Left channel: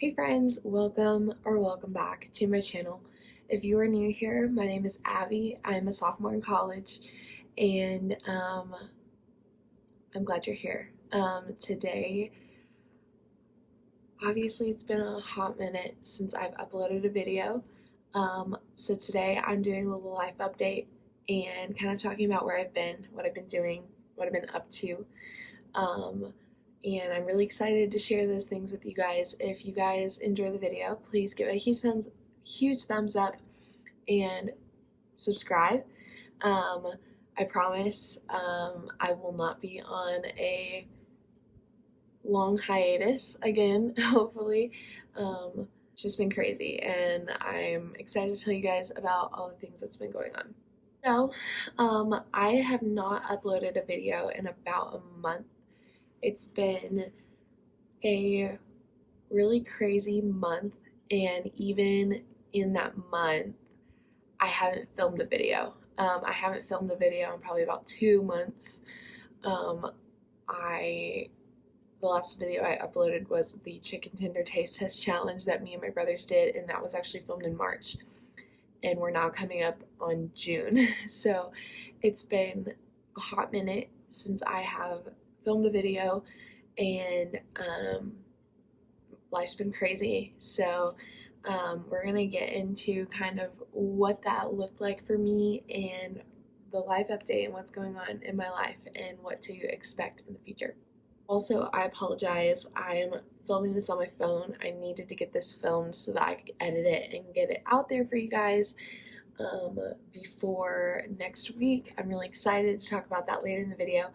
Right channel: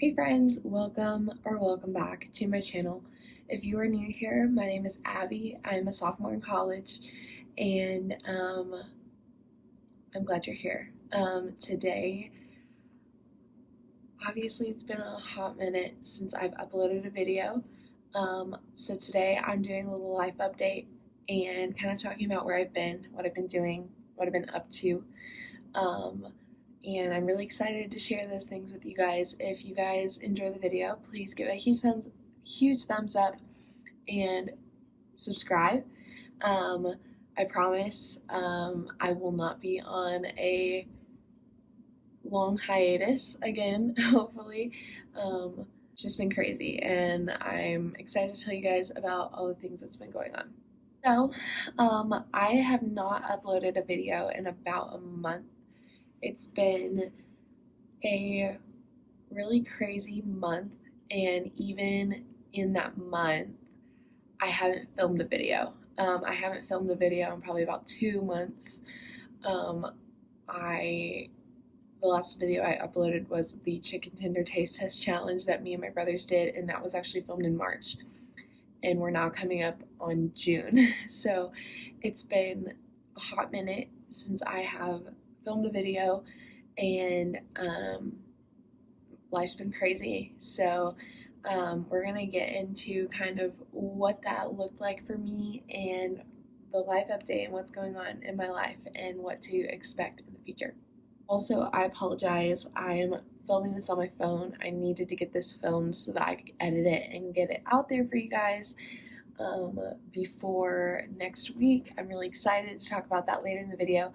Hey friends, welcome back to my channel. If you are new here, my name is Abby. I'm a sophomore in college and I'm glad you're here. Today, obviously it's been a hot minute since I've uploaded a video. So today I'm doing a little life update and kind of talking about where I've been, what I've been doing, what I've been up to. And I'm really excited to share those things with you guys. If you guys enjoy the video, please give it a huge thumbs up and subscribe. I promise I will not be on a long hiatus again, hopefully. It's just been crazy, and I'm excited to tell you guys about all the things that's been going on. So, I have not uploaded a video in about a month. It's been a really crazy month, and even in that month, I haven't filmed a video. I haven't filmed a video in probably about 2 months. I the last video I uploaded was the chicken tender taste test challenge that me and my brothers did, and that was actually filmed in March. And we're now coming up on June. So it's been a hot minute since I have filmed a video, and life's been crazy. So we're gonna get into kind of what that looked like for me and the life update and what's going on in my life and what to expect in the future. Also, I apologize. I'm filming this on my phone. I needed to get this filmed so that I could edit it and get it out there for you guys before next week. I'm really excited to talk about that later in the video,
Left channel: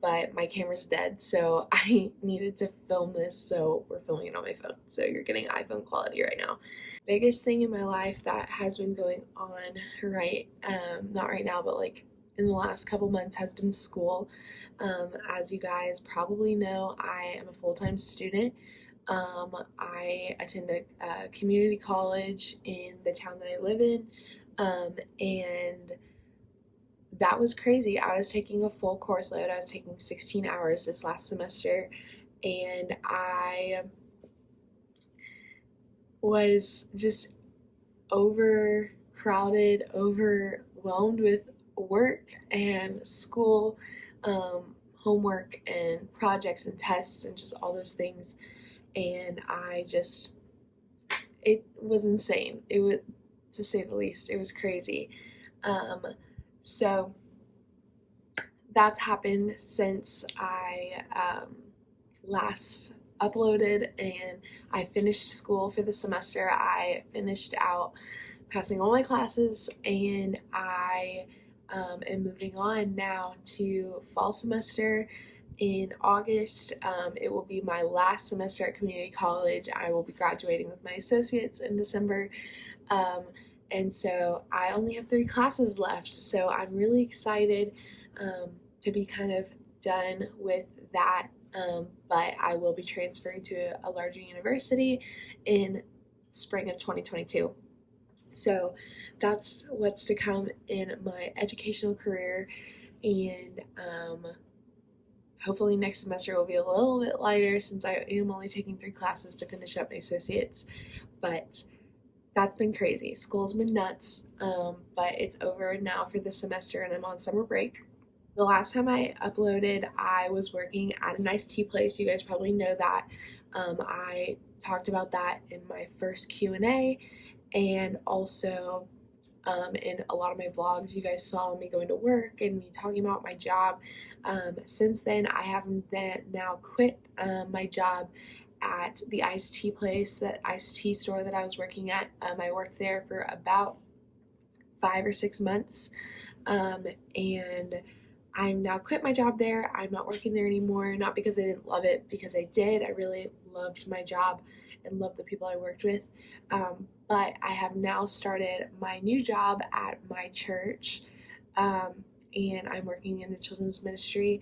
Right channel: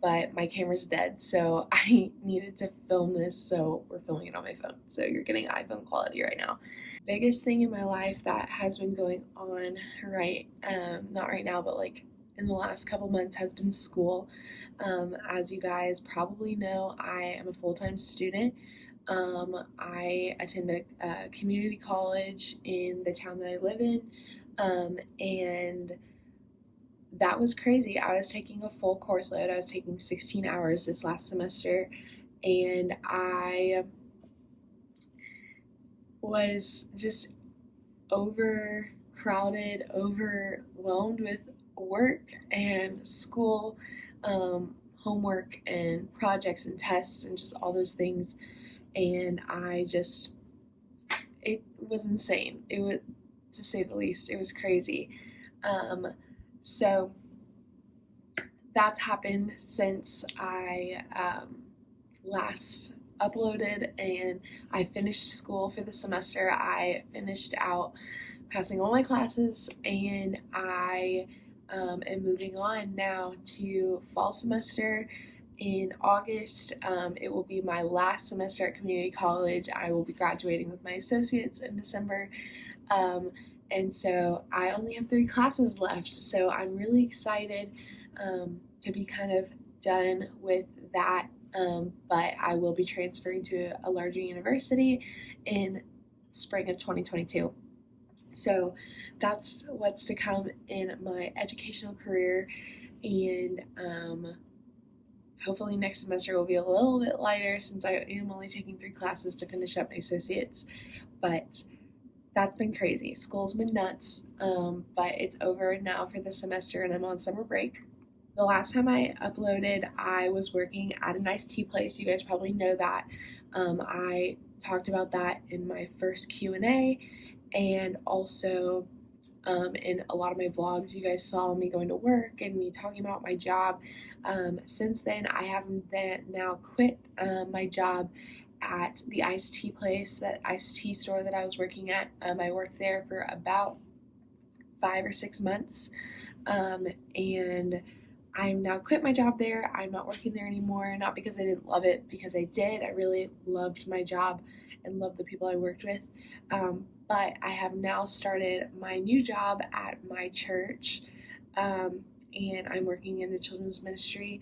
but my camera's dead, so I needed to film this, so we're filming it on my phone. So you're getting iPhone quality right now. Biggest thing in my life that has been going on not right now, but like in the last couple months has been school. As you guys probably know, I am a full-time student. I attend a community college in the town that I live in, and that was crazy. I was taking a full course load. I was taking 16 hours this last semester, and I was just overcrowded, overwhelmed with work and school, homework and projects and tests and just all those things. And it was insane. It was, to say the least, it was crazy. So that's happened since I last uploaded, and I finished school for the semester. I finished out passing all my classes, and I am moving on now to fall semester in August. It will be my last semester at community college. I will be graduating with my associates in December. And so I only have 3 classes left. So I'm really excited to be kind of done with that. But I will be transferring to a larger university in spring of 2022. So that's what's to come in my educational career, and hopefully next semester will be a little bit lighter since I am only taking 3 classes to finish up my associates. But that's been crazy. School's been nuts, but it's over now for the semester, and I'm on summer break. The last time I uploaded, I was working at a nice tea place. You guys probably know that. I talked about that in my first Q&A, and also in a lot of my vlogs. You guys saw me going to work and me talking about my job. Since then, I have now quit my job at the iced tea place, that iced tea store that I was working at. I worked there for about 5 or 6 months, and I'm now quit my job there. I'm not working there anymore, not because I didn't love it, because I did. I really loved my job and loved the people I worked with. But I have now started my new job at my church, and I'm working in the children's ministry.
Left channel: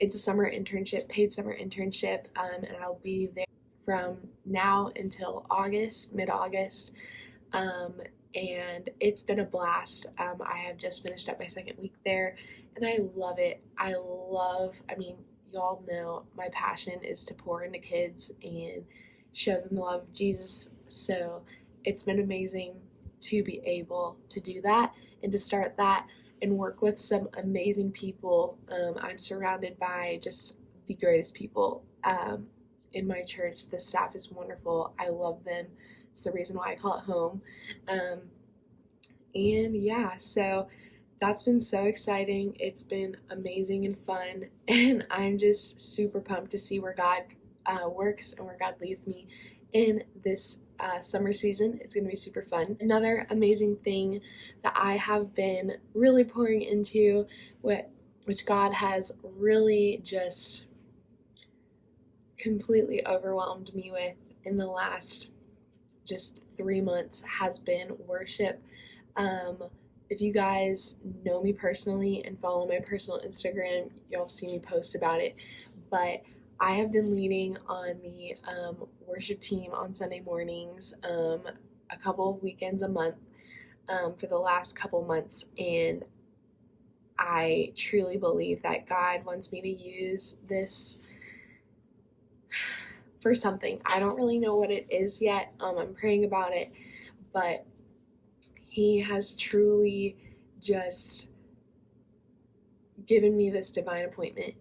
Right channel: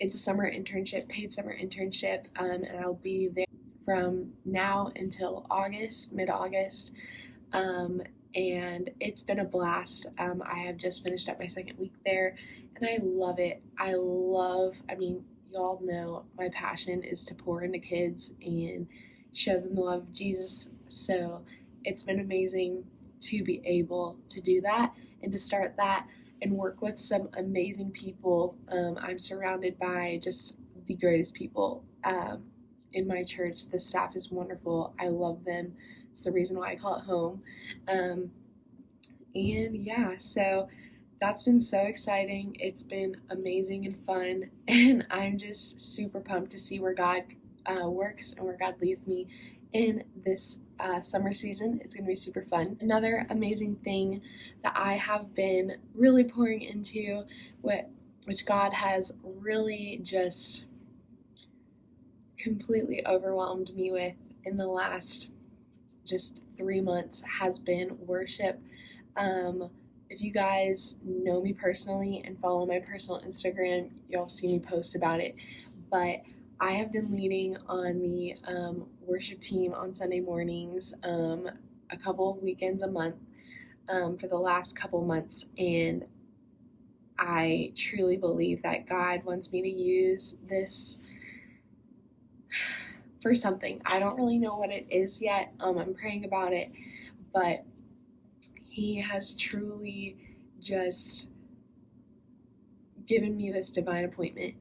It's a summer internship, paid summer internship, and I'll be there from now until August, mid-August, and it's been a blast. I have just finished up my second week there, and I love it. I mean, y'all know, my passion is to pour into kids and show them the love of Jesus. So it's been amazing to be able to do that and to start that and work with some amazing people. I'm surrounded by just the greatest people in my church. The staff is wonderful. I love them. It's the reason why I call it home. And yeah, so that's been so exciting. It's been amazing and fun. And I'm just super pumped to see where God works and where God leads me in this summer season. It's going to be super fun. Another amazing thing that I have been really pouring into, which God has really just completely overwhelmed me with in the last just 3 months, has been worship. If you guys know me personally and follow my personal Instagram, you'll see me post about it. But I have been leading on the worship team on Sunday mornings a couple of weekends a month for the last couple months. And I truly believe that God wants me to use this for something. I don't really know what it is yet. I'm praying about it, but He has truly just given me this divine appointment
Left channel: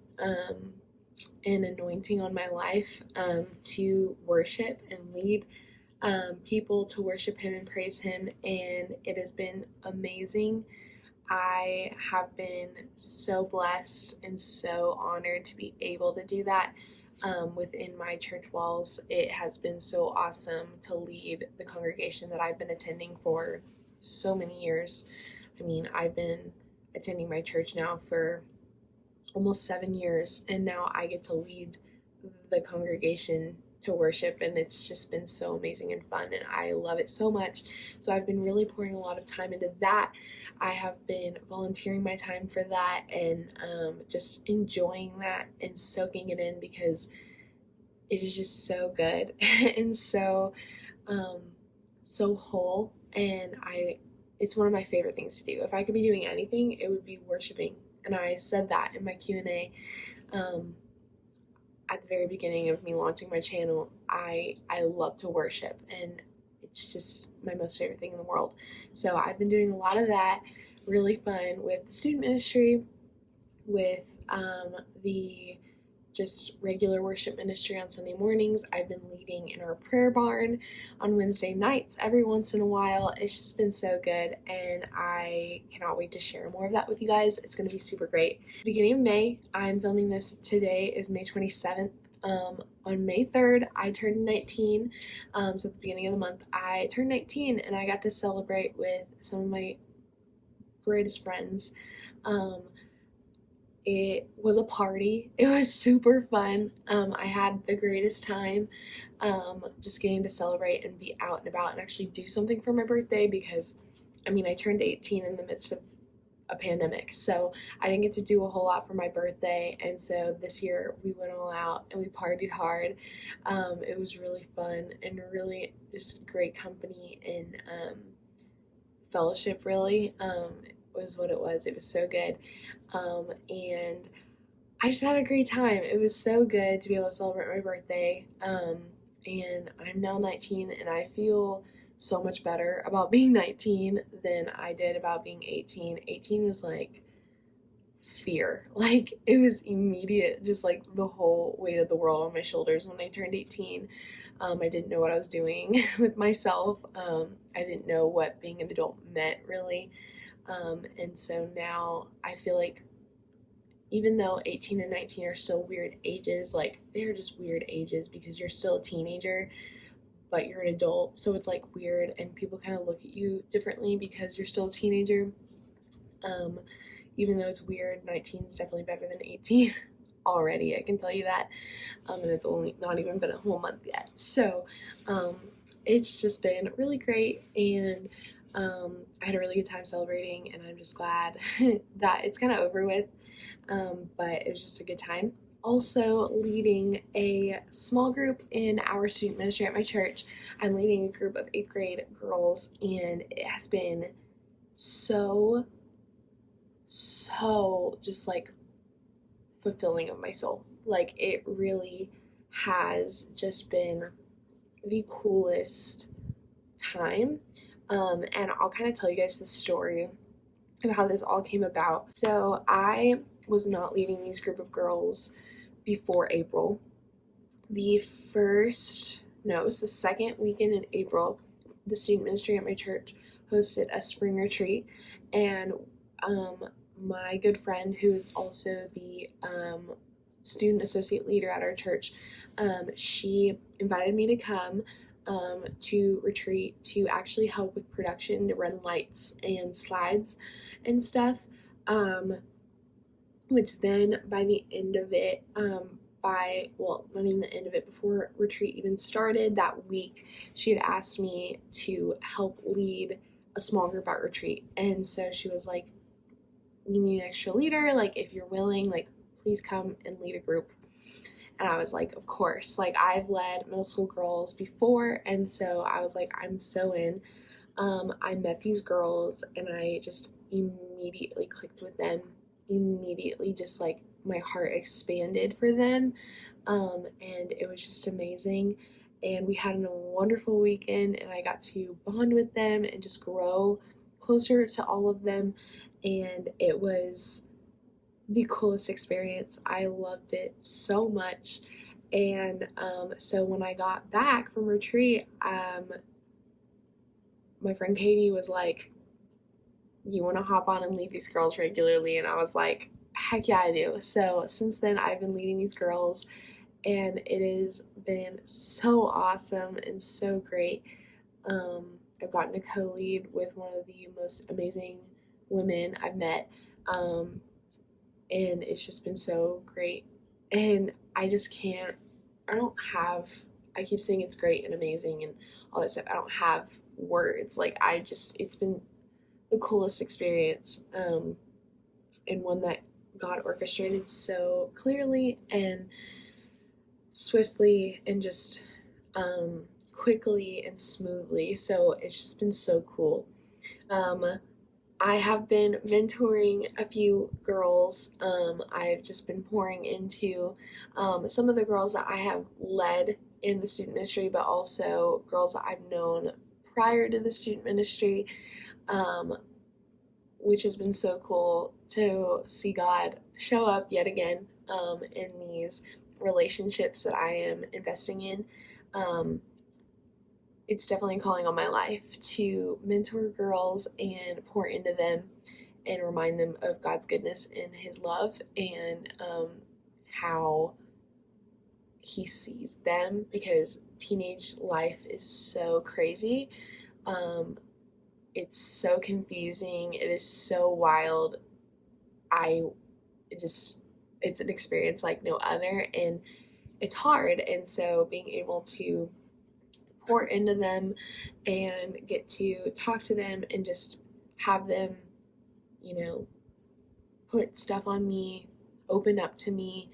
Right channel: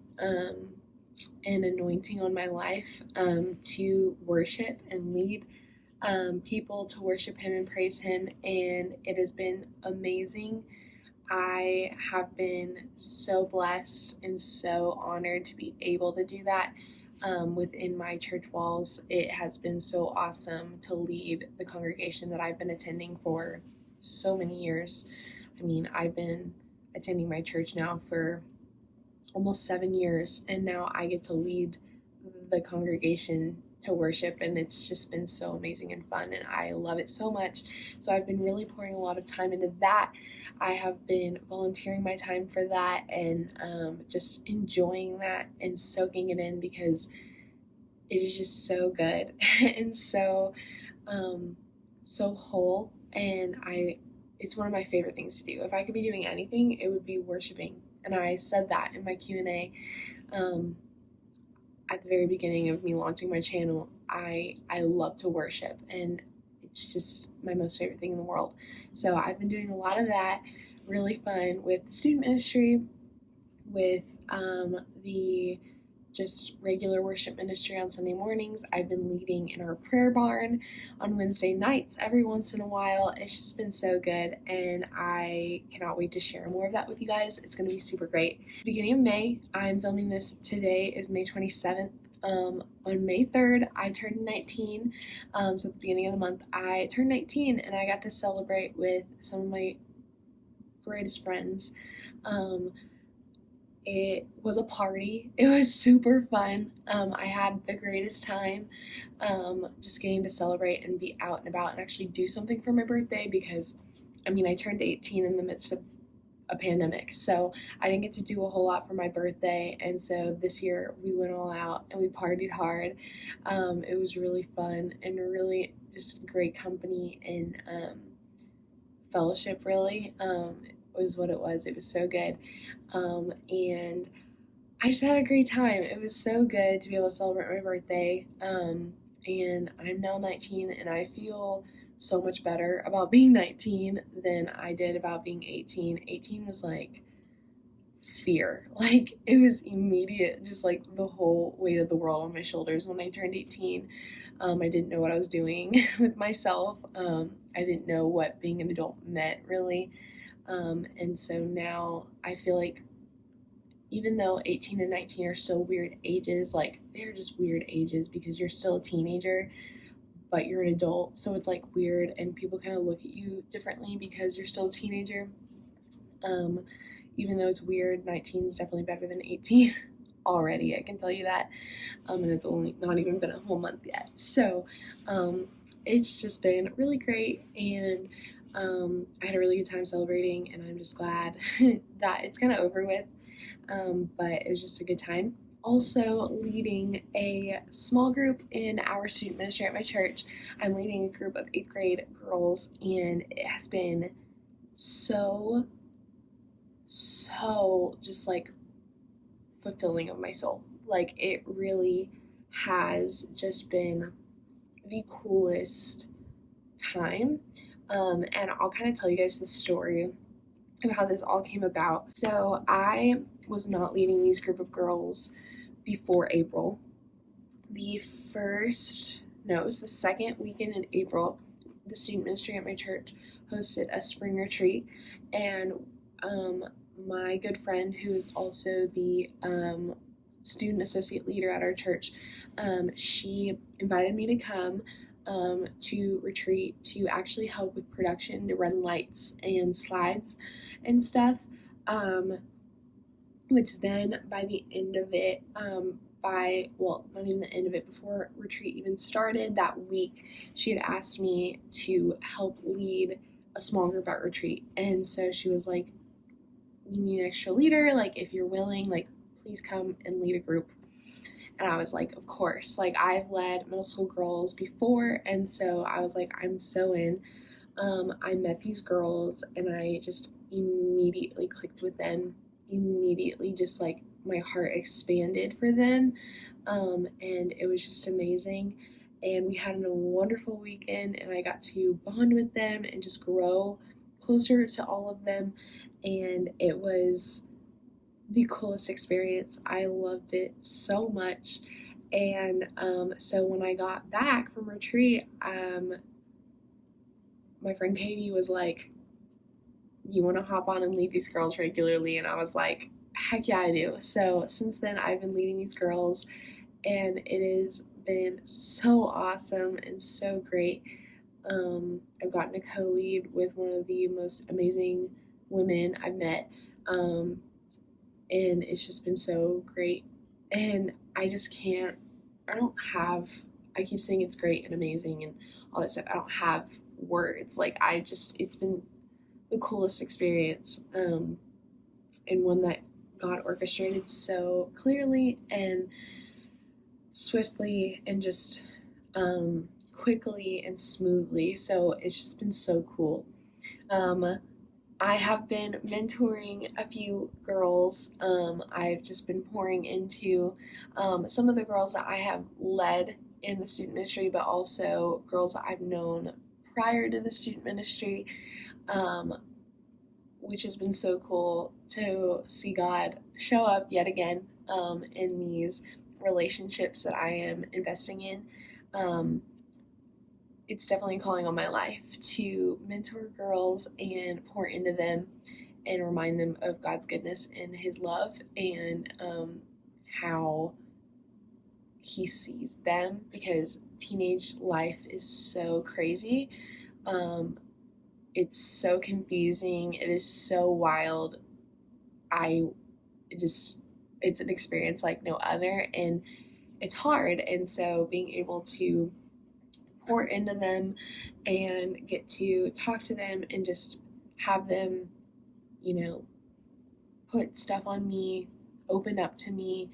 and anointing on my life to worship and lead people to worship Him and praise Him, and it has been amazing. I have been so blessed and so honored to be able to do that within my church walls. It has been so awesome to lead the congregation that I've been attending for so many years. I mean, I've been attending my church now for almost 7 years, and now I get to lead the congregation to worship, and it's just been so amazing and fun, and I love it so much. So I've been really pouring a lot of time into that. I have been volunteering my time for that and just enjoying that and soaking it in, because it is just so good and so whole, and it's one of my favorite things to do. If I could be doing anything, it would be worshiping. And I said that in my Q&A at the very beginning of me launching my channel. I love to worship, and it's just my most favorite thing in the world. So I've been doing a lot of that, really fun, with student ministry, with the just regular worship ministry on Sunday mornings. I've been leading in our prayer barn on Wednesday nights every once in a while. It's just been so good, and I cannot wait to share more of that with you guys. It's going to be super great. Beginning of May, I'm filming this. Today is May 27th. On May 3rd, I turned 19. So at the beginning of the month, I turned 19, and I got to celebrate with some of my greatest friends. It was a party. It was super fun. I had the greatest time just getting to celebrate and be out and about and actually do something for my birthday, because, I mean, I turned 18 in the midst of a pandemic, so I didn't get to do a whole lot for my birthday, and so this year we went all out and we partied hard. It was really fun and really just great company and fellowship, really. Was what it was. It was so good. And I just had a great time. It was so good to be able to celebrate my birthday. And I'm now 19, and I feel so much better about being 19 than I did about being 18. 18 was like fear. Like, it was immediate, just like the whole weight of the world on my shoulders when I turned 18. I didn't know what I was doing with myself. I didn't know what being an adult meant, really. And so now I feel like, even though 18 and 19 are still weird ages, like, they're just weird ages because you're still a teenager, but you're an adult. So it's like weird, and people kind of look at you differently because you're still a teenager. Even though it's weird, 19 is definitely better than 18 already, I can tell you that. And it's only not even been a whole month yet. So it's just been really great, and I had a really good time celebrating, and I'm just glad that it's kind of over with, but it was just a good time. Also leading a small group in our student ministry at my church. I'm leading a group of 8th grade girls, and it has been so just like fulfilling of my soul. Like, it really has just been the coolest time. And I'll kind of tell you guys the story of how this all came about. So I was not leading these group of girls before April. It was the second weekend in April, the student ministry at my church hosted a spring retreat, and my good friend, who is also the student associate leader at our church, she invited me to come to retreat to actually help with production, to run lights and slides and stuff. Which then by the end of it, not even the end of it, before retreat even started that week, she had asked me to help lead a small group at retreat. And so she was like, "We need an extra leader. Like, if you're willing, like, please come and lead a group." And I was like, of course. Like, I've led middle school girls before, and so I was like, I'm so in. I met these girls, and I just immediately clicked with them. Immediately, just like my heart expanded for them, and it was just amazing. And we had a wonderful weekend, and I got to bond with them and just grow closer to all of them. And it was the coolest experience. I loved it so much. And so when I got back from retreat, my friend Katie was like, "You want to hop on and lead these girls regularly?" And I was like, heck yeah, I do. So since then, I've been leading these girls, and it has been so awesome and so great. I've gotten to co-lead with one of the most amazing women I've met, and it's just been so great. And I keep saying it's great and amazing and all that stuff. I don't have words. Like, it's been the coolest experience, and one that God orchestrated so clearly and swiftly and just quickly and smoothly. So it's just been so cool. I have been mentoring a few girls. I've just been pouring into some of the girls that I have led in the student ministry, but also girls that I've known prior to the student ministry, which has been so cool to see God show up yet again in these relationships that I am investing in. It's definitely a calling on my life to mentor girls and pour into them and remind them of God's goodness and His love, and how He sees them, because teenage life is so crazy. It's so confusing. It is so wild. It's an experience like no other, and it's hard. And so being able to pour into them and get to talk to them and just have them, put stuff on me, open up to me,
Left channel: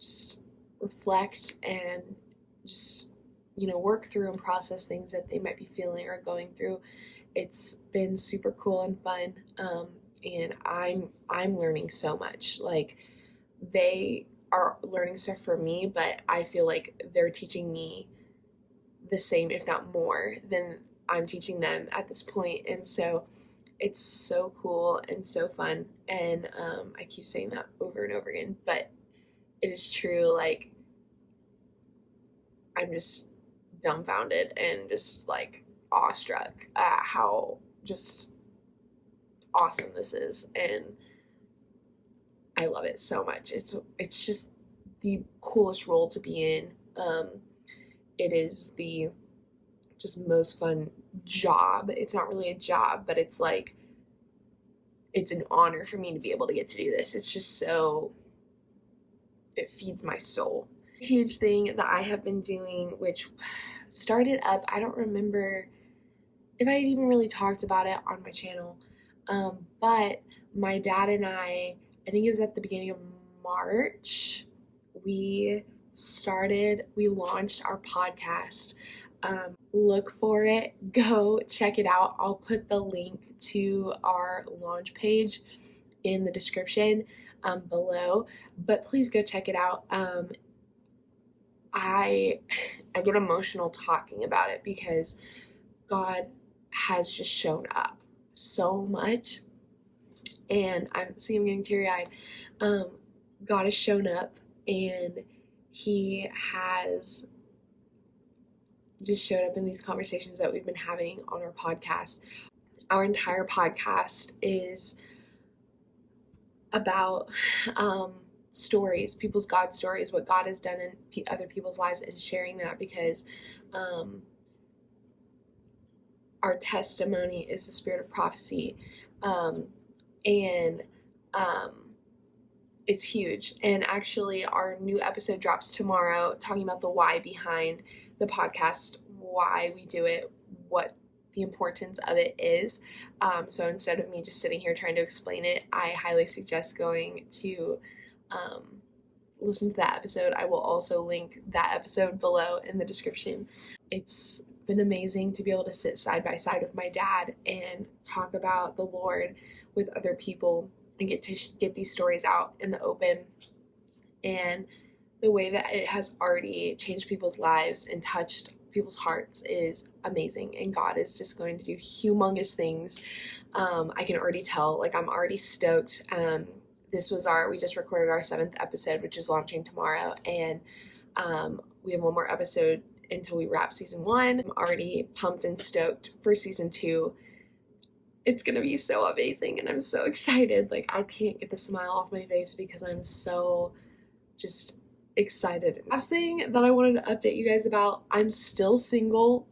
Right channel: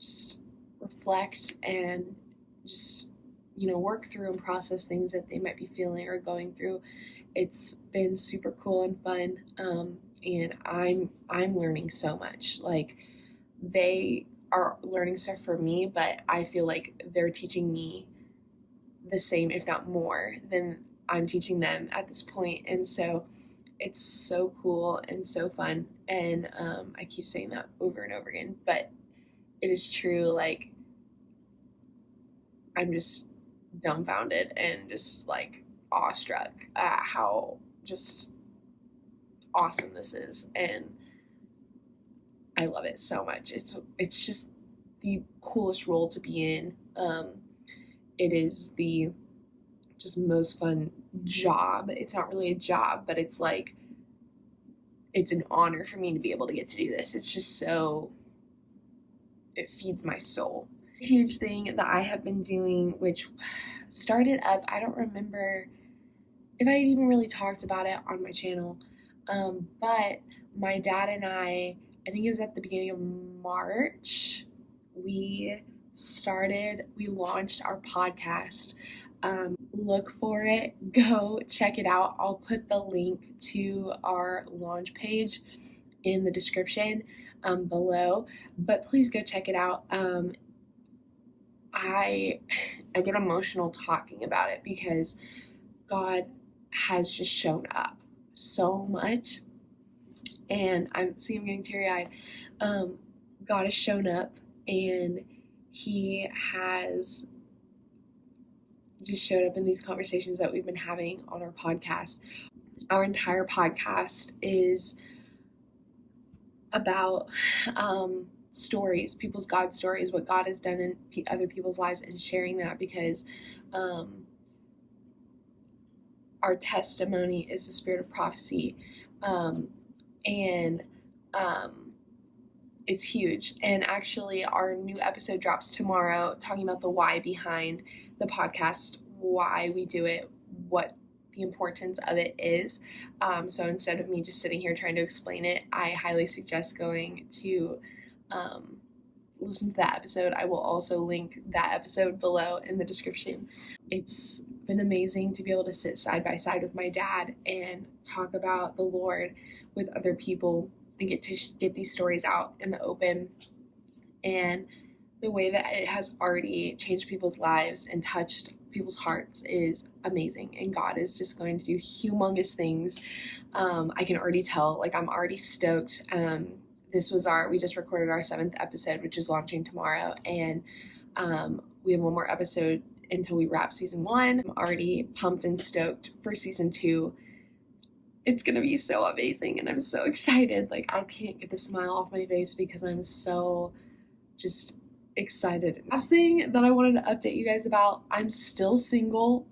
just reflect and just, work through and process things that they might be feeling or going through. It's been super cool and fun. And I'm learning so much. Like, they are learning stuff from me, but I feel like they're teaching me the same, if not more, than I'm teaching them at this point. And so it's so cool and so fun. And I keep saying that over and over again, but it is true. Like, I'm just dumbfounded and just like awestruck at how just awesome this is, and I love it so much. It's just the coolest role to be in. It is the just most fun job. It's not really a job, but it's like, it's an honor for me to be able to get to do this. It's just it feeds my soul. A huge thing that I have been doing, which started up, I don't remember if I even really talked about it on my channel, but my dad and I think it was at the beginning of March, we launched our podcast. Look for it, go check it out. I'll put the link to our launch page in the description below, but please go check it out. I get emotional talking about it because God has just shown up so much, and I'm getting teary-eyed. God has shown up, and he has just showed up in these conversations that we've been having on our podcast. Our entire podcast is about stories, people's God stories, what God has done in other people's lives, and sharing that, because our testimony is the spirit of prophecy, and it's huge. And actually, our new episode drops tomorrow, talking about the why behind the podcast, why we do it, what the importance of it is. So instead of me just sitting here trying to explain it, I highly suggest going to listen to that episode. I will also link that episode below in the description. It's been amazing to be able to sit side by side with my dad and talk about the Lord with other people and get to get these stories out in the open. And the way that it has already changed people's lives and touched people's hearts is amazing, and God is just going to do humongous things. I can already tell, like, I'm already stoked. We just recorded our 7th episode, which is launching tomorrow, and we have one more episode until we wrap season 1. I'm already pumped and stoked for season 2. It's gonna be so amazing, and I'm so excited. Like, I can't get the smile off my face because I'm so just excited. Last thing that I wanted to update you guys about, I'm still single.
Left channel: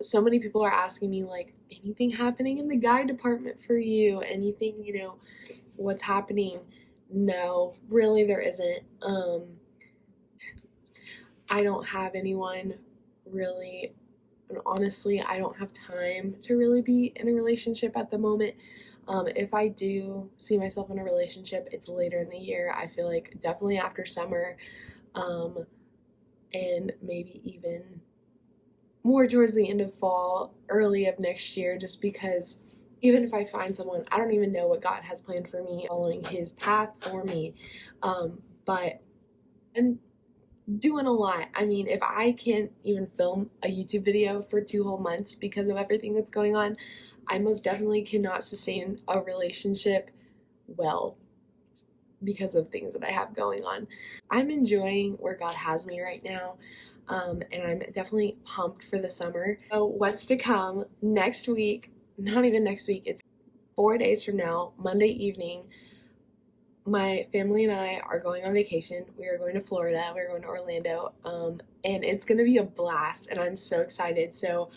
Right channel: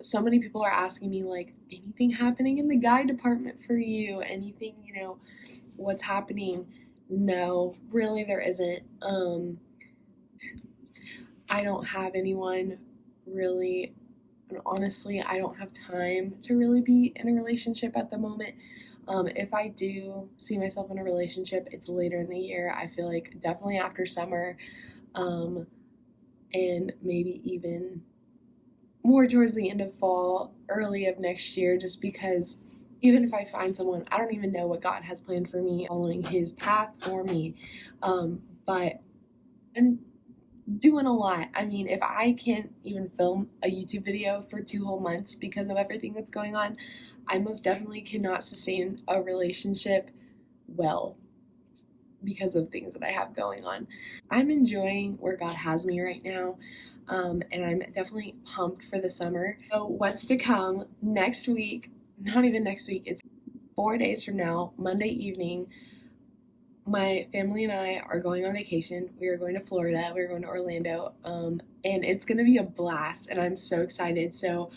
So many people are asking me, like, anything happening in the guy department for you? Anything, what's happening? No, really there isn't. I don't have anyone really, and honestly, I don't have time to really be in a relationship at the moment. If I do see myself in a relationship, it's later in the year. I feel like definitely after summer, and maybe even more towards the end of fall, early of next year, just because even if I find someone, I don't even know what God has planned for me, following his path for me. But I'm doing a lot. I mean, if I can't even film a YouTube video for 2 whole months because of everything that's going on, I most definitely cannot sustain a relationship well because of things that I have going on. I'm enjoying where God has me right now, and I'm definitely pumped for the summer. So what's to come next week, not even next week, it's 4 days from now, Monday evening, my family and I are going on vacation. We are going to Florida. We're going to Orlando, and it's going to be a blast, and I'm so excited. So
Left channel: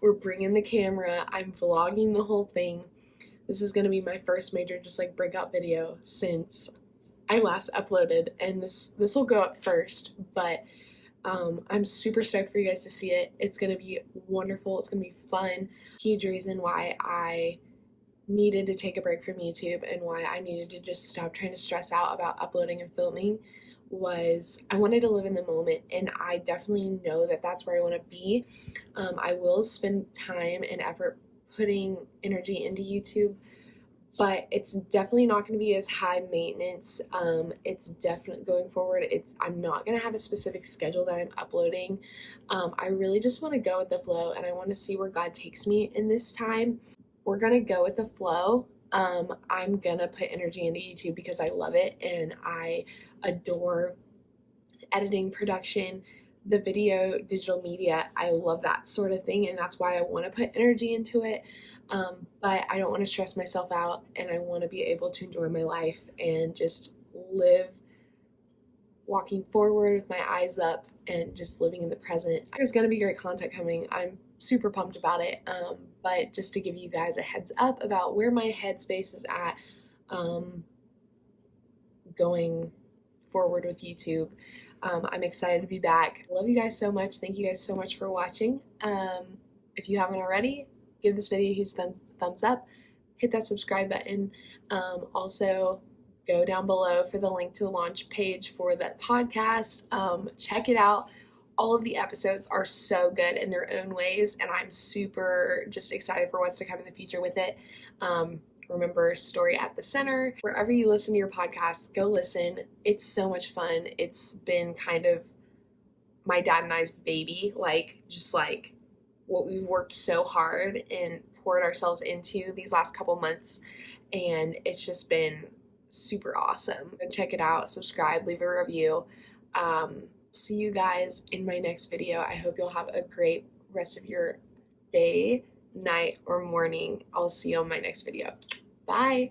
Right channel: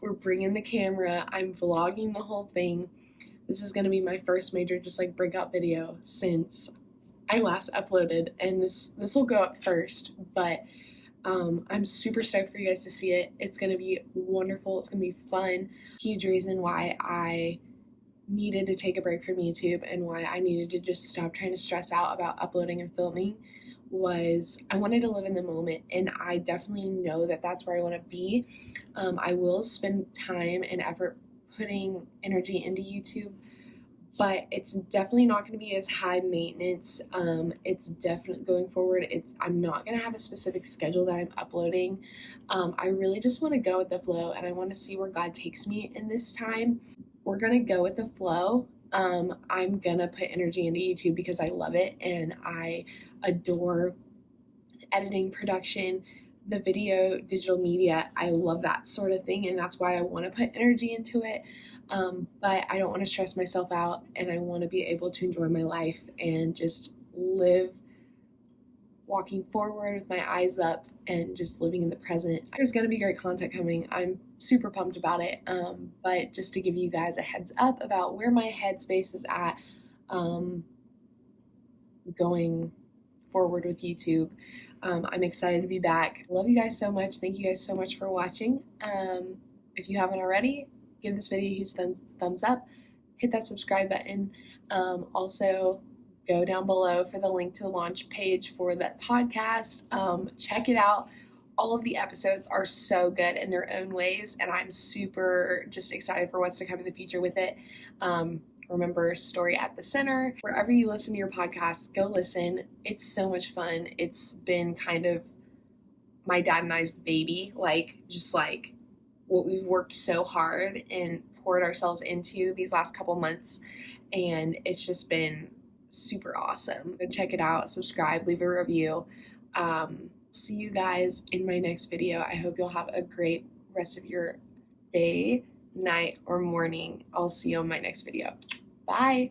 we're bringing the camera. I'm vlogging the whole thing. This is going to be my first major just like breakout video since I last uploaded, and this will go up first, but I'm super stoked for you guys to see it. It's going to be wonderful. It's going to be fun. Huge reason why I needed to take a break from YouTube and why I needed to just stop trying to stress out about uploading and filming was I wanted to live in the moment, and I definitely know that that's where I want to be. I will spend time and effort putting energy into YouTube, but it's definitely not going to be as high maintenance. It's definitely going forward. I'm not going to have a specific schedule that I'm uploading. I really just want to go with the flow, and I want to see where God takes me in this time. We're going to go with the flow. I'm going to put energy into YouTube because I love it, and I adore editing, production, the video, digital media. I love that sort of thing, and that's why I want to put energy into it. But I don't want to stress myself out, and I want to be able to enjoy my life and just live walking forward with my eyes up and just living in the present. There's going to be great content coming. I'm super pumped about it. But just to give you guys a heads up about where my headspace is at, going forward with YouTube. I'm excited to be back. Love you guys so much. Thank you guys so much for watching. If you haven't already, give this video a huge thumbs up. Hit that subscribe button. Also, go down below for the link to the launch page for that podcast. Check it out. All of the episodes are so good in their own ways, and I'm super just excited for what's to come in the future with it. remember Story at the Center. Wherever you listen to your podcast, go listen. It's so much fun. It's been kind of my dad and I's baby, just what we've worked so hard and poured ourselves into these last couple months, and it's just been super awesome. Go check it out, subscribe, leave a review. See you guys in my next video. I hope you'll have a great rest of your day, night, or morning. I'll see you on my next video. Bye.